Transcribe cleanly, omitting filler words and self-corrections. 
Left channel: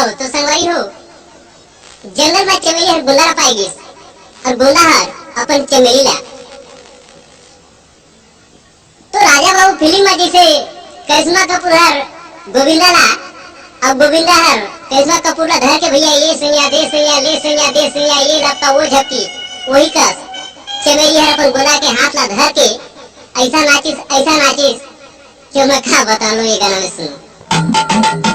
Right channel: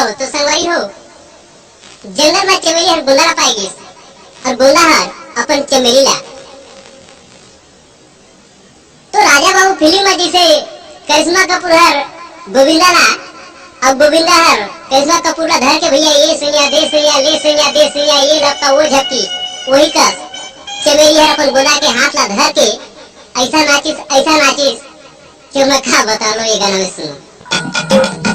हो तो संगवारी हो जंगल में चमेली हर गुंदा पाएगी और गुंदा हर अपन चमेली ला। तो राजा बाबू फिल्म में जैसे करिश्मा कपूर हर गोविंदा ला अब गोविंदा हर करिश्मा कपूर ला धर के भैया ये सैया दे सैया ले सैया दे सैया ये लगता वो झपकी वही कस चमेली हर अपन गुंदा के हाथ ला धर के ऐसा नाचिस कि मैं क्या बता लो ये गाना में सुनो।